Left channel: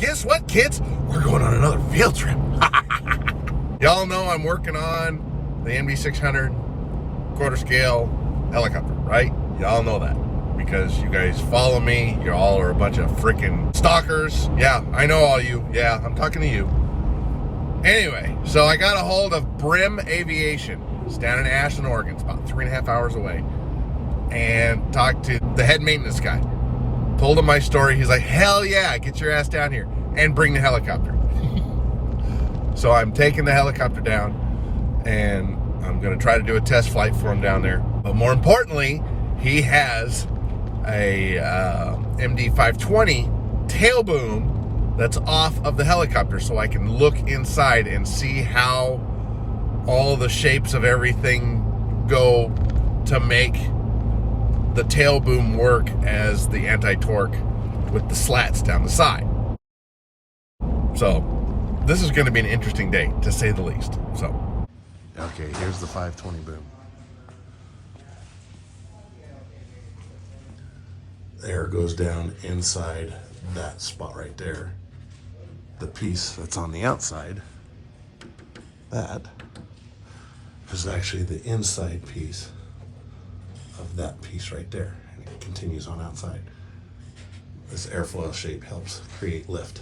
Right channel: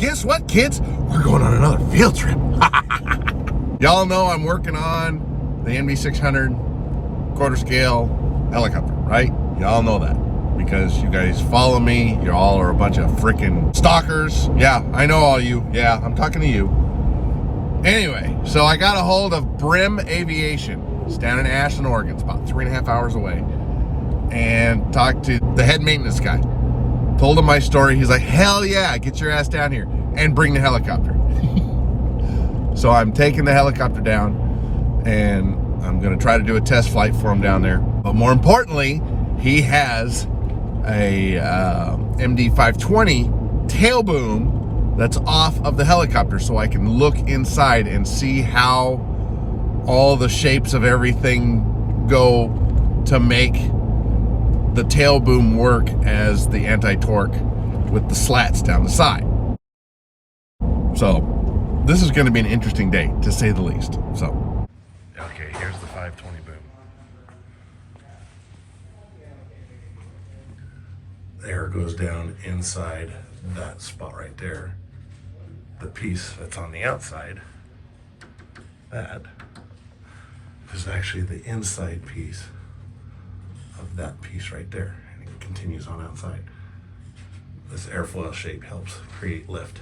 guess what, kids? We're going on another field trip. Y'all know I'm working on the MD600 quarter scale helicopter, right? Y'all know that because you guys follow me. You all are a bunch of freaking stalkers. Yeah, I know all you. Yeah, I'm talking to you. Anyway, so I got a hold of Brim Aviation. It's down in Ashland, Oregon. It's about 3.5 hours away. And talked to the head maintenance guy. Told him my story. He's like, hell yeah, get your ass down here and bring the helicopter. So I'm taking the helicopter down and I'm gonna try to do a test flight for him down there. But more importantly, he has a MD520 tail boom that's off of the helicopter, so I can look inside and see how all the shapes of everything go to make the tail boom work as the anti-torque with the slats down the side. So this is going to be an interesting day, to say the least. So, okay, here's the 520 boom. Air goes down inside that spot right there. The piece that's on the outside, that is actually the inside piece of that piece right there, and it continues on outside. This airfoil shape helps create lift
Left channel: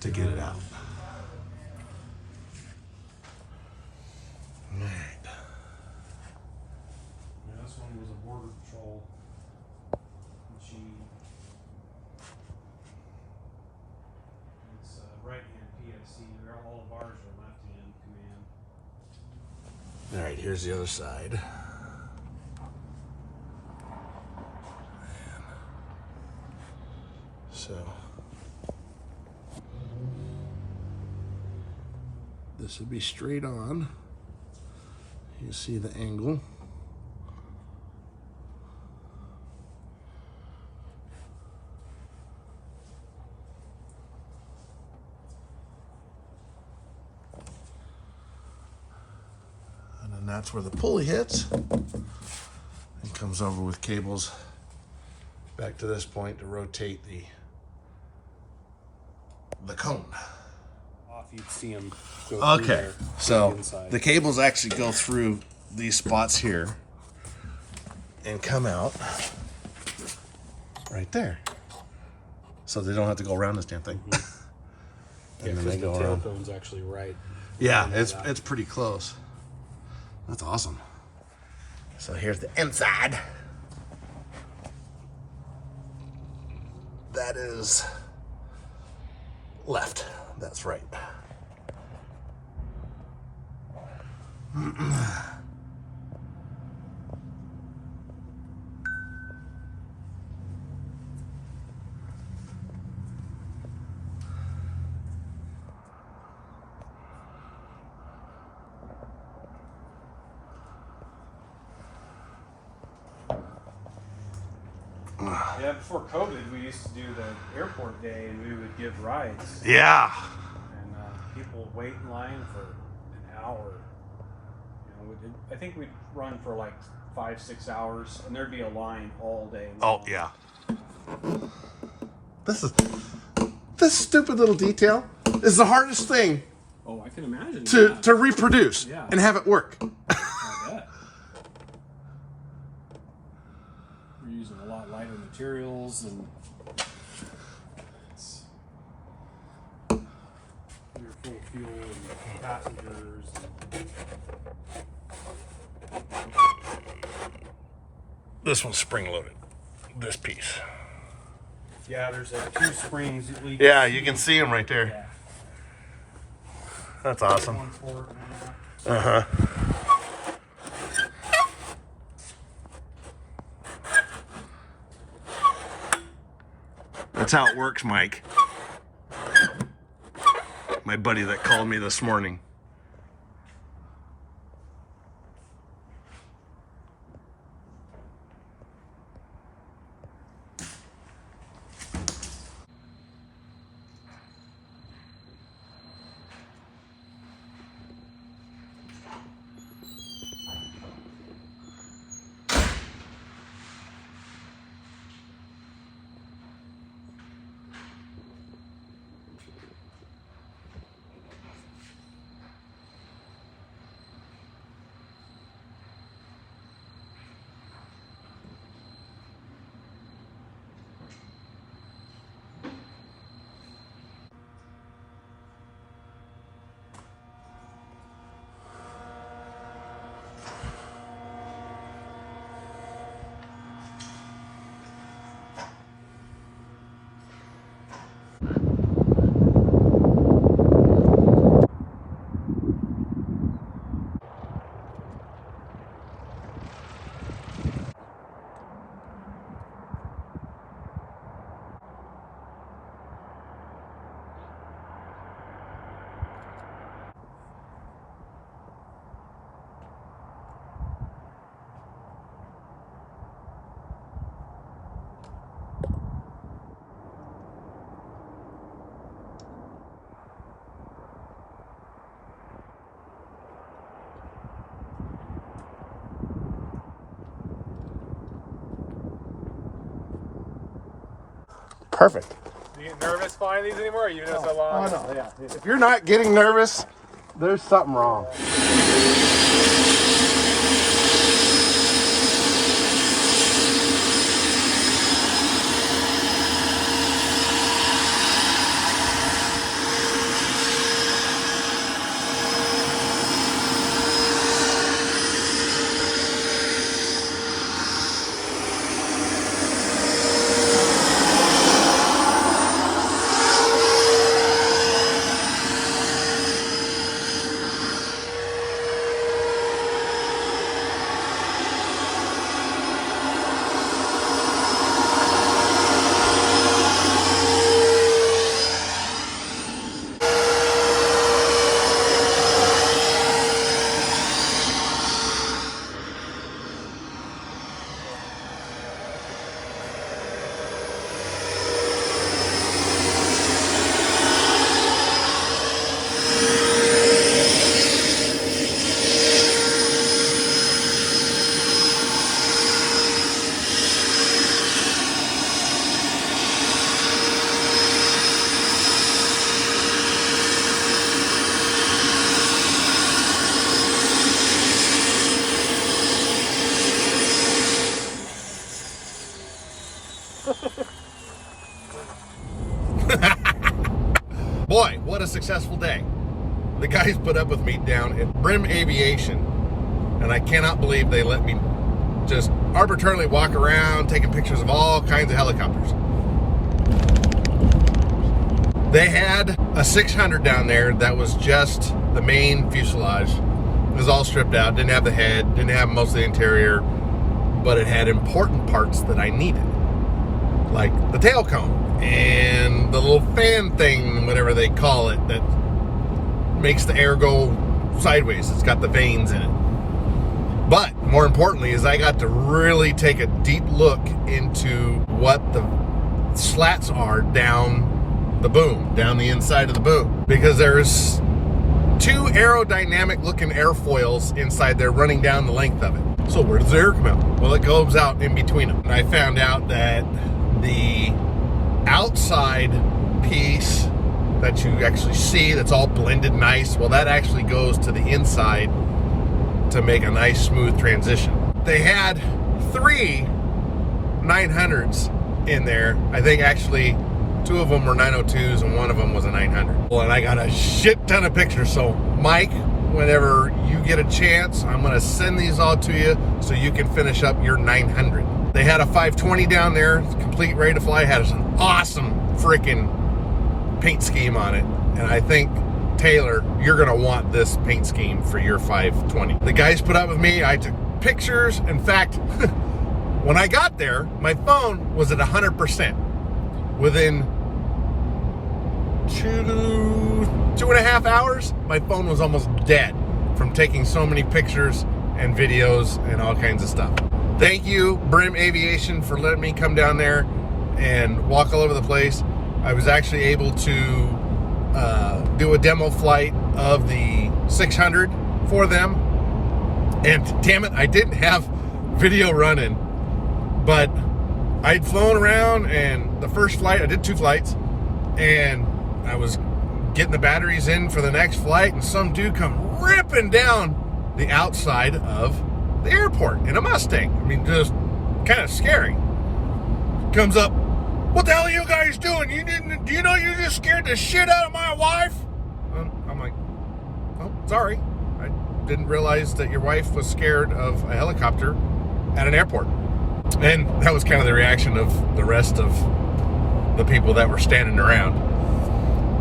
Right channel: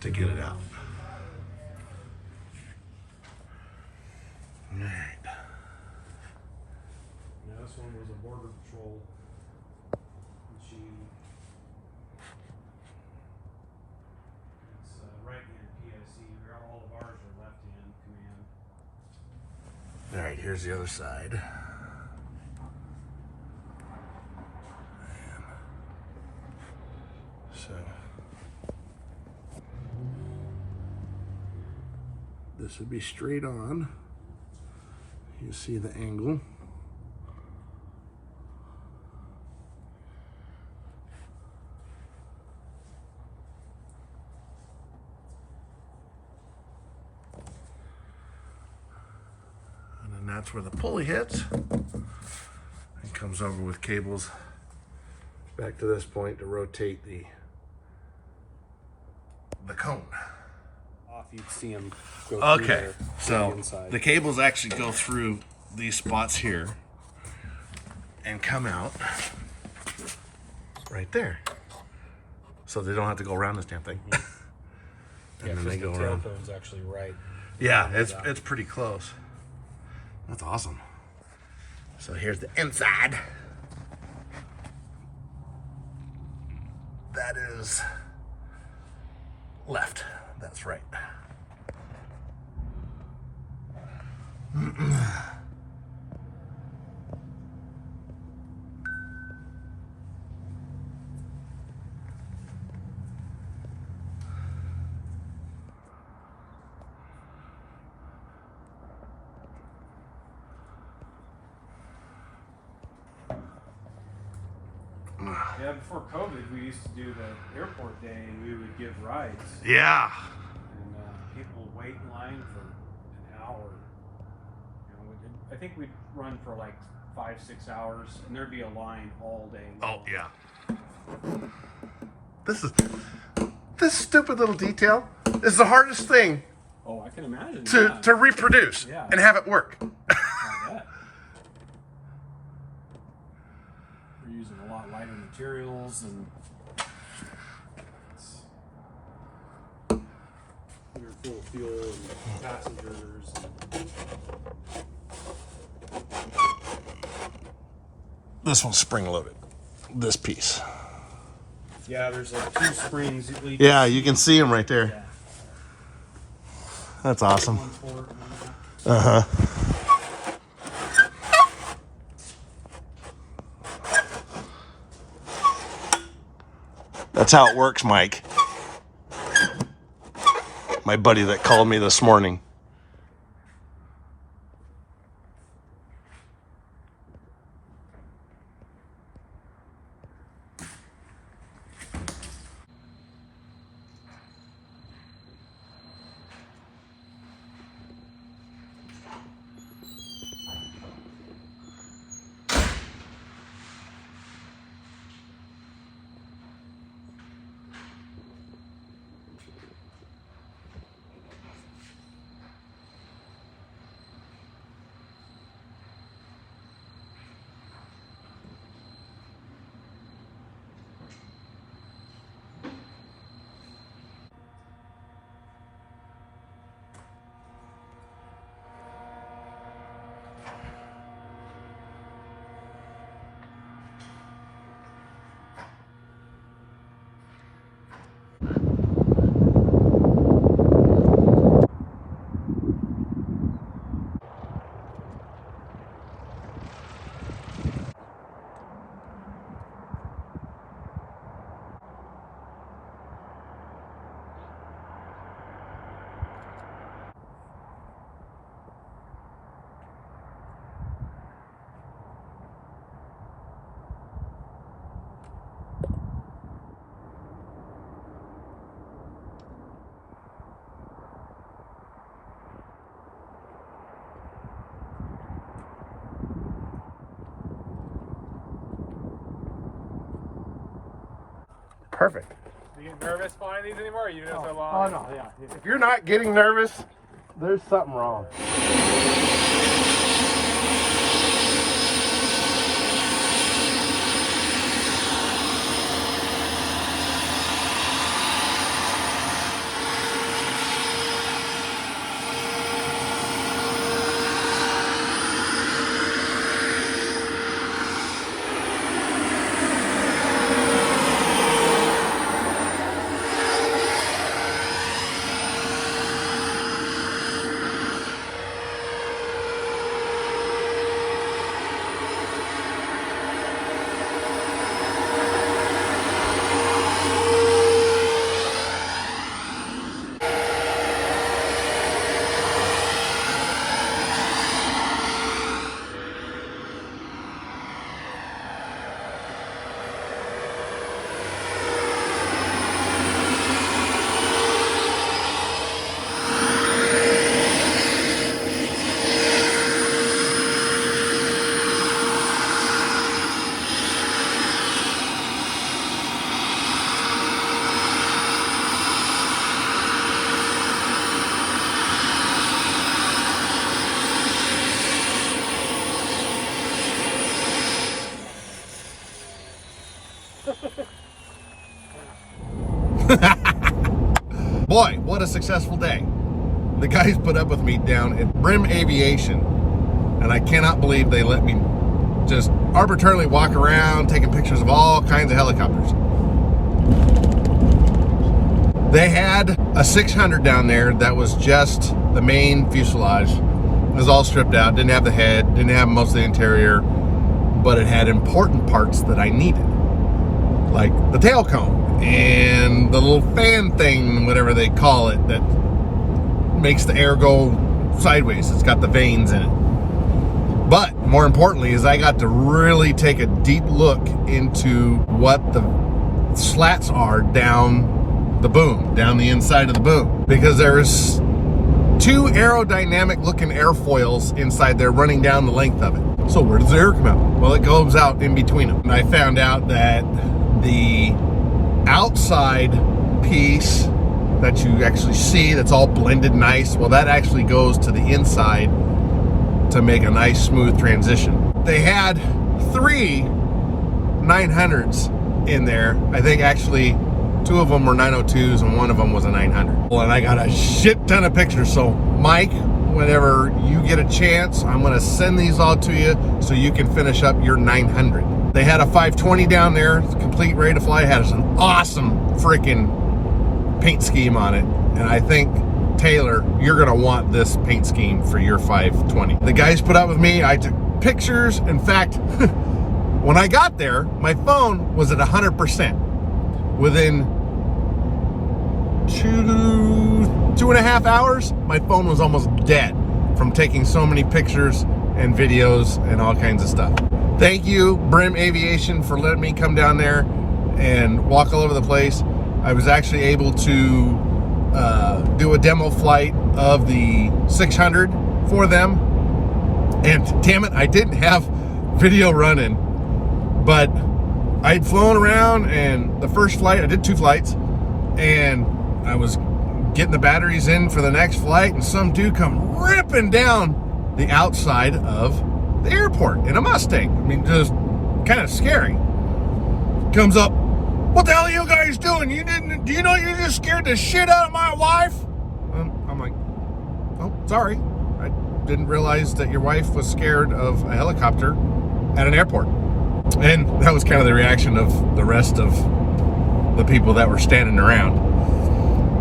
to get it out. All right. Yeah, this one was a border patrol. It's right-hand PSC. All of ours are left-hand command. All right, here's the other side. So this would be straight on. You see the angle. And then that's where the pulley hits and comes over with cables back to this point to rotate the cone. Off, you'd see them go Okay, through there, so inside. the cables actually go through these spots here and come out right there. So they don't have to go around this damn thing. Mm-hmm. And then they go around. The tailbone's actually right. Yeah, it's pretty close. That's awesome. So here's the inside. That is left. That's right. Yeah, before COVID, we used to do the airport day, and we would give rides. Yeah. And people would wait in line for an hour. I think we'd run for like 5-6 hours, and there'd be a line all day long. Oh yeah. This stupid little detail is the hardest thing Oh, I can imagine. to reproduce and have it work. I bet. We're using a lot lighter materials and you're full of fuel and passengers. This one's spring loaded. This piece. Yeah, there's like 2 springs at least. Yeah, you can see them right there. Yeah. That's awesome. 1/4. Uh-huh. That's how it works, Mike. My buddy that called me this morning. Perfect. Do you get nervous flying these anymore? Or you know so Oh long? no, yeah. If you're not getting nervous, there's something wrong. Boy, what a successful day. The guys put up with me down at Brim Aviation, and I cannot believe they let me just arbitrarily walk around taking pictures of all kinds of helicopters. They had a 600 down there that was just the main fuselage. It was all stripped out, didn't have the head, didn't have most of the interior, but it had important parts that I needed, like the tail cone and the little fan thing, whatever they call it, that makes the air go sideways. It's got the vanes in it. But more importantly is I got to really take a deep look into what the slats are down the boom, down the inside of the boom, because there's two aerodynamic looking airfoils inside there running down the length of it. So where does the air come out? Well, it goes out in between them. And I found out that the outside piece that you actually see that's all blended nice, well, that actually goes to the inside to make a nice smooth transition. They had 3 900s in there. I think actually 2 of them were 902s and 1 of them was a 900. Well, and I got a shit ton of pictures. So Mike, whenever you get a chance, I'm gonna send these all to you so you can finish up your 900. They had a 520 down there, complete, ready to fly. It had an awesome freaking paint scheme on it. And I think, Taylor, you're gonna want this paint scheme for your 520. The guys put up with me. I took pictures. In fact, when I got there, my phone was at 100%. Within 2.5 hours, my phone was almost dead from taking so many pictures and videos and all kinds of stuff. Thank you, Brim Aviation, for letting me come down there and walk all over the place. I was actually able to do a demo flight of the 600 for them. And damn it, I didn't have video running, but I'd flown around, and the first flight, I did 2 flights, and I was getting the batteries in for the next flight, and some dude come ripping down the outside of the airport in a Mustang. I mean, just kind of scary. Comes up, what the hell are you guys doing? Do you know you just scared the shit out of my wife? I'm like, oh, sorry. I didn't realize that your wife was scared of a helicopter at an airport. And that was kind of the reaction of the rest of the people that were standing around.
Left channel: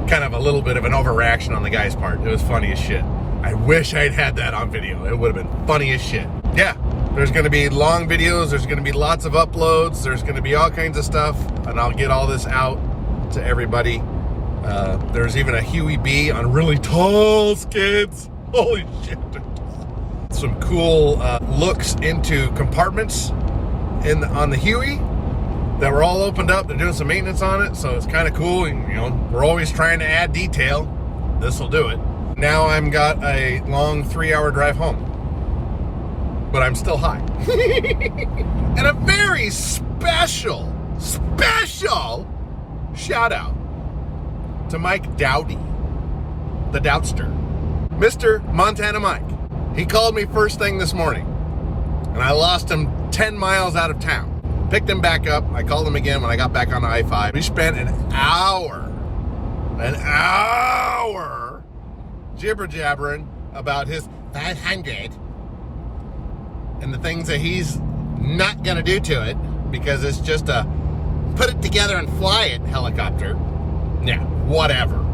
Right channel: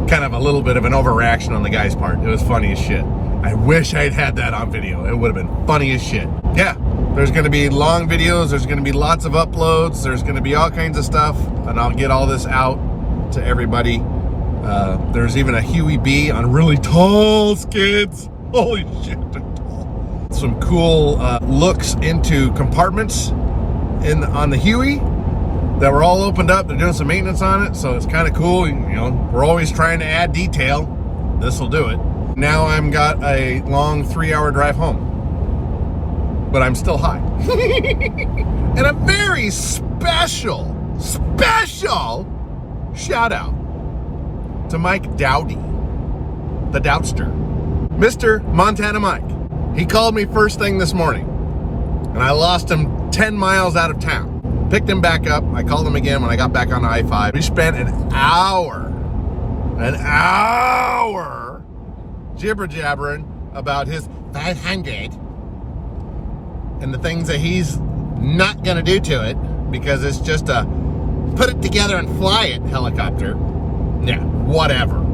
Kind of a little bit of an overreaction on the guy's part. It was funny as shit. I wish I'd had that on video. It would have been funny as shit. Yeah, there's going to be long videos. There's going to be lots of uploads. There's going to be all kinds of stuff. And I'll get all this out to everybody. There's even a Huey B on really tall skids. Holy shit, they're tall. Some cool looks into compartments on the Huey that were all opened up. They're doing some maintenance on it, so it's kind of cool. You know, we're always trying to add detail. This will do it. Now I'm got a long 3-hour drive home, but I'm still high. And a very special shout out to Mike Dowdy, the Doubtster. Mr. Montana Mike. He called me first thing this morning, and I lost him 10 miles out of town. Picked him back up. I called him again when I got back on I-5. We spent an hour jibber-jabbering about his 500 and the things that he's not going to do to it because it's just a put it together and fly it helicopter. Yeah, whatever.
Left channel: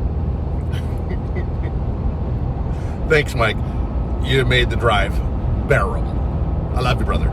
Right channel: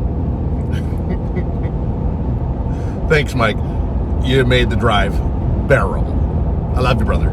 Thanks, Mike. You made the drive bearable. I love you, brother.